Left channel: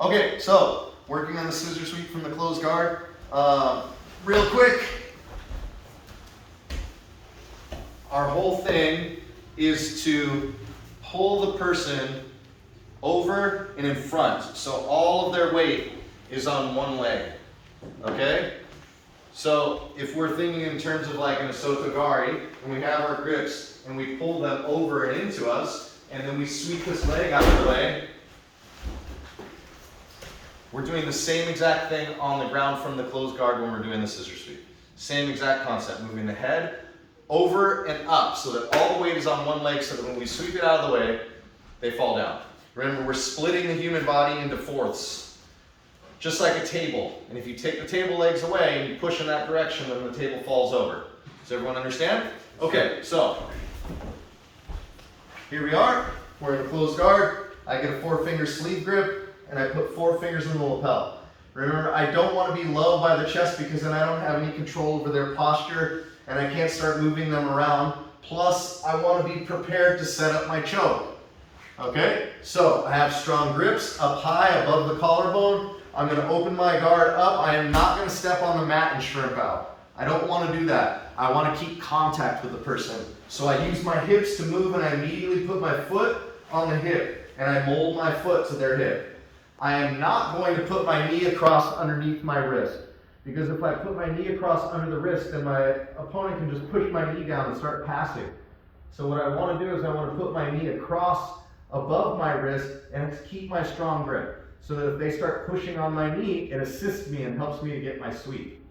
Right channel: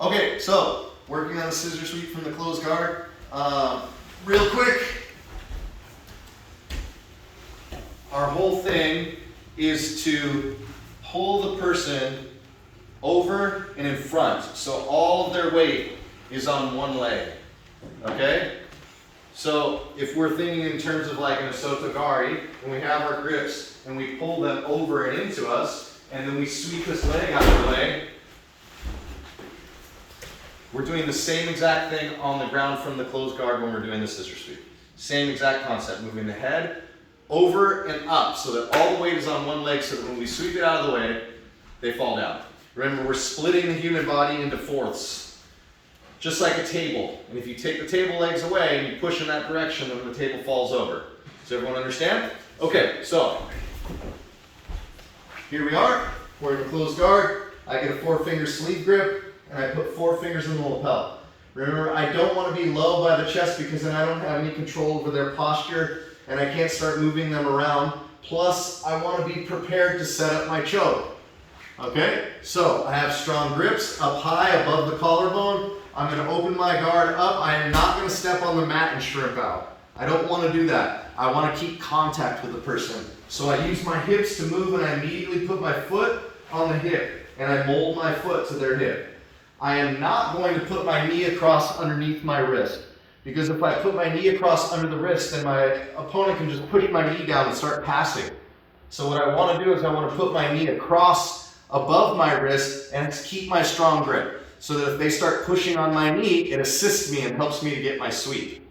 Okay, so working on the scissor sweep from the closed guard. Real quick, our whole thing is to pull the person over and in front. So all of their weight is on one leg, okay? So if we're thinking in terms of like an Osotogari, and we have our grips and we pull them over and into us, and then we sweep this leg out of the way, we're doing the same exact thing on the ground from the closed guard when we're doing the scissor sweep. Same exact concept, moving the head over and up so that all the weight is on one leg so that when we sweep it out of the way, they fall down. Remember, we're splitting the human body into fourths, just like a table. And if you take the table legs away and you push in that direction, then the table falls over. Does everyone understand? Okay, so here we are. We're in a closed guard. I get a 4-finger sleeve grip, and I put 4 fingers in the lapel. Remember, I don't want to be low by the chest because then I don't have any control over their posture, and I can't start moving them around. Plus, I want to be prepared to set up my choke. Okay, so I have strong grips up high above the collarbone. I'm going to open my guard up. I am not going to step on the mat and shrimp out. I don't want to do that. I want to keep contact with the person. So I use my hips to move, and I immediately put my foot on the hip, and I mold my foot to their hip. I am not going to put my knee across underneath my wrist, because if I put my knee across under the wrist, then my opponent can just push my knee down and start passing. So what I want to do is I want to put my knee across above my wrist and keep my strong grip, so that if they start pushing on my knee, it assists me and helps me to get my sweep,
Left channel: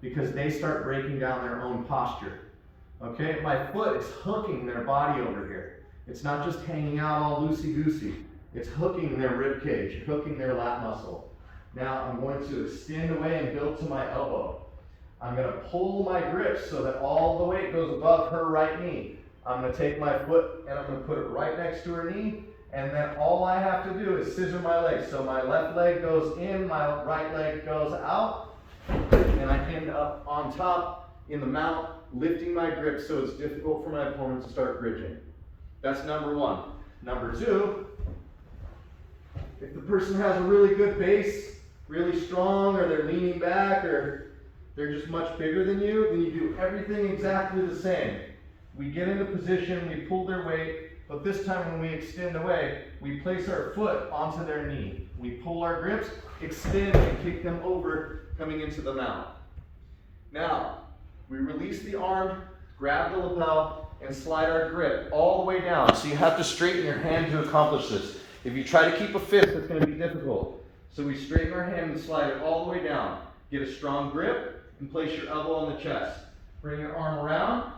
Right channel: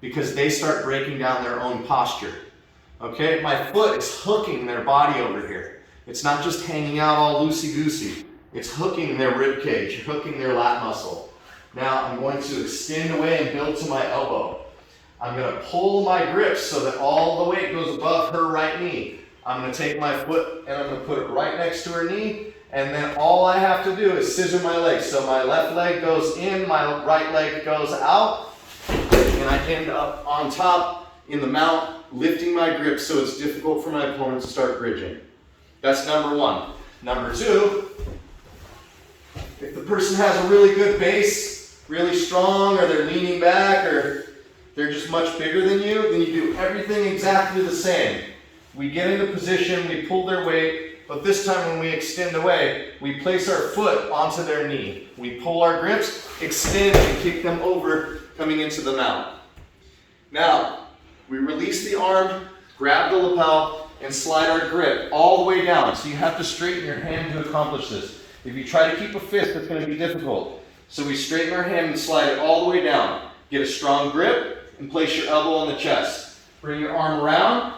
because they start breaking down their own posture. Okay, my foot is hooking their body over here. It's not just hanging out all loosey-goosey. It's hooking their rib cage, hooking their lat muscle. Now I'm going to extend away and build to my elbow. I'm going to pull my grips so that all the weight goes above her right knee. I'm going to take my foot and I'm going to put it right next to her knee, and then all I have to do is scissor my legs. So my left leg goes in, my right leg goes out, and I end up on top in the mount, lifting my grip so it's difficult for my opponent to start bridging. That's number one. Number two, if the person has a really good base, really strong, or they're leaning back, or they're just much bigger than you, then you do everything exactly the same. We get into position, we pull their weight, but this time when we extend away, we place our foot onto their knee. We pull our grips, extend, and kick them over, coming into the mount. Now, we release the arm, grab the lapel, and slide our grip all the way down. So you have to straighten your hand to accomplish this. If you try to keep a fist, it's going to be difficult. So we straighten our hand and slide it all the way down. Get a strong grip and place your elbow on the chest. Bring your arm around,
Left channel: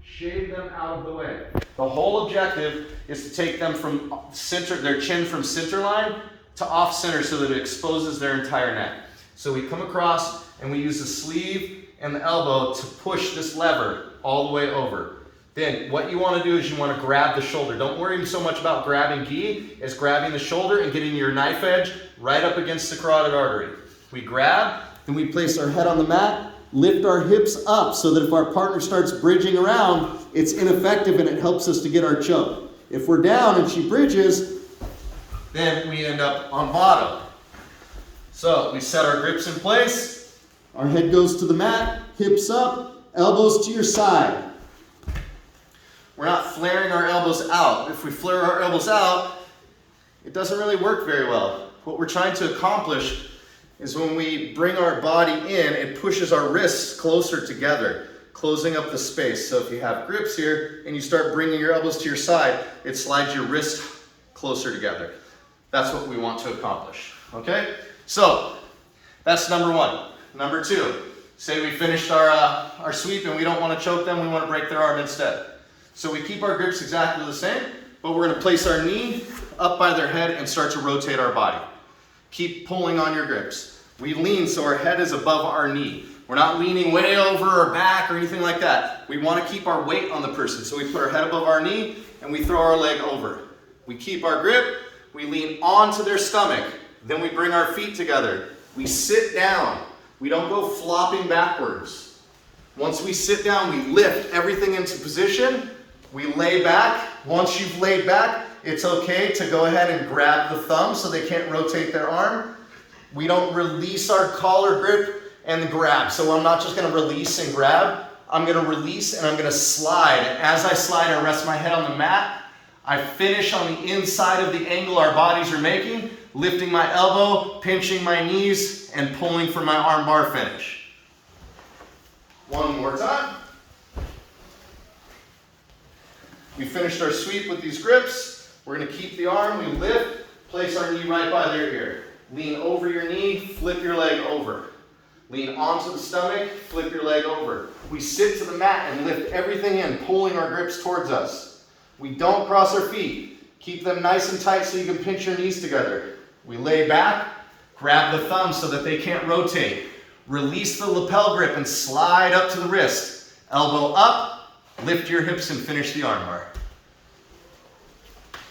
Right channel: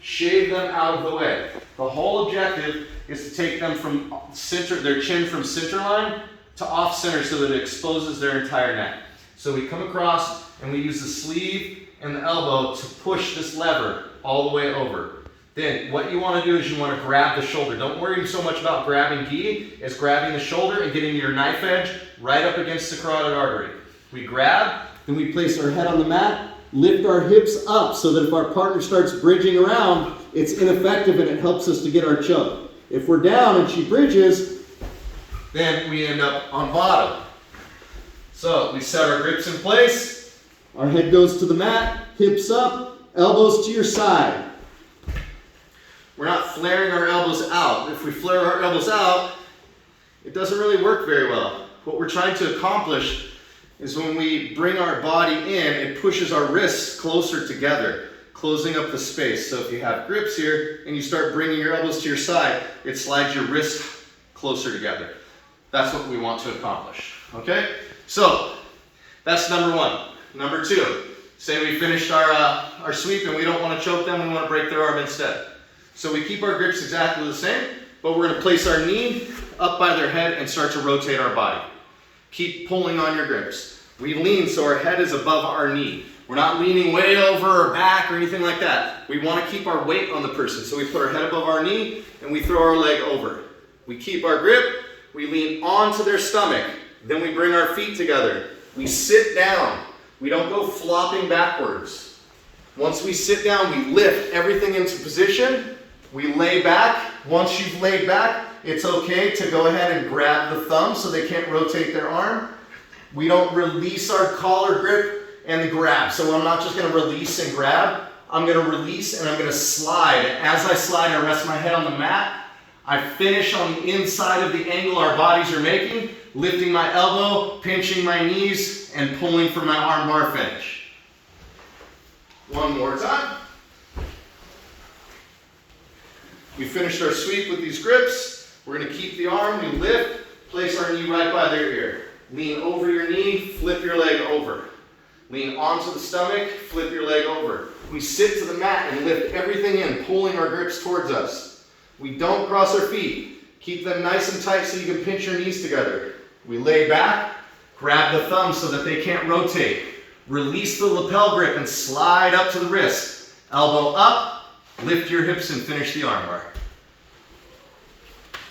shave them out of the way. The whole objective is to take them from center, their chin from center line to off center so that it exposes their entire neck. So we come across and we use the sleeve and the elbow to push this lever all the way over. Then what you want to do is you want to grab the shoulder. Don't worry so much about grabbing gi as grabbing the shoulder and getting your knife edge right up against the carotid artery. We grab, then we place our head on the mat, lift our hips up so that if our partner starts bridging around, it's ineffective and it helps us to get our choke. If we're down and she bridges, then we end up on bottom. So we set our grips in place, our head goes to the mat, hips up, elbows to your side. We're not flaring our elbows out. If we flare our elbows out, it doesn't really work very well. What we're trying to accomplish is when we bring our body in, it pushes our wrists closer together, closing up the space. So if you have grips here and you start bringing your elbows to your side, it slides your wrists closer together. That's what we want to accomplish, okay? So that's number one. Number two, say we finished our sweep and we don't want to choke them, we want to break their arm instead. So we keep our grips exactly the same, but we're going to place our knee up by their head and start to rotate our body. Keep pulling on your grips. We lean so our head is above our knee. We're not leaning way over our back or anything like that. We want to keep our weight on the person. So we put our head above our knee and we throw our leg over. We keep our grip, we lean onto their stomach, then we bring our feet together. We sit down. We don't go flopping backwards. Once we sit down, we lift everything into position. We lay back. Once you've laid back, it's okay to go ahead and grab the thumb so they can't rotate their arm. We don't release our collar grip and the grab. So I'm not just gonna release and grab. I'm gonna release and I'm gonna slide. And as I slide, I rest my head on the mat. I finish on the inside of the angle our bodies are making, lifting my elbow, pinching my knees, and pulling for my arm bar finish. One more time. We finished our sweep with these grips. We're gonna keep the arm, we lift, place our knee right by their ear. Lean over your knee, flip your leg over. Lean onto the stomach, flip your leg over. We sit to the mat and lift everything in, pulling our grips towards us. We don't cross our feet. Keep them nice and tight so you can pinch your knees together. We lay back, grab the thumb so that they can't rotate. Release the lapel grip and slide up to the wrist. Elbow up, lift your hips and finish the armbar.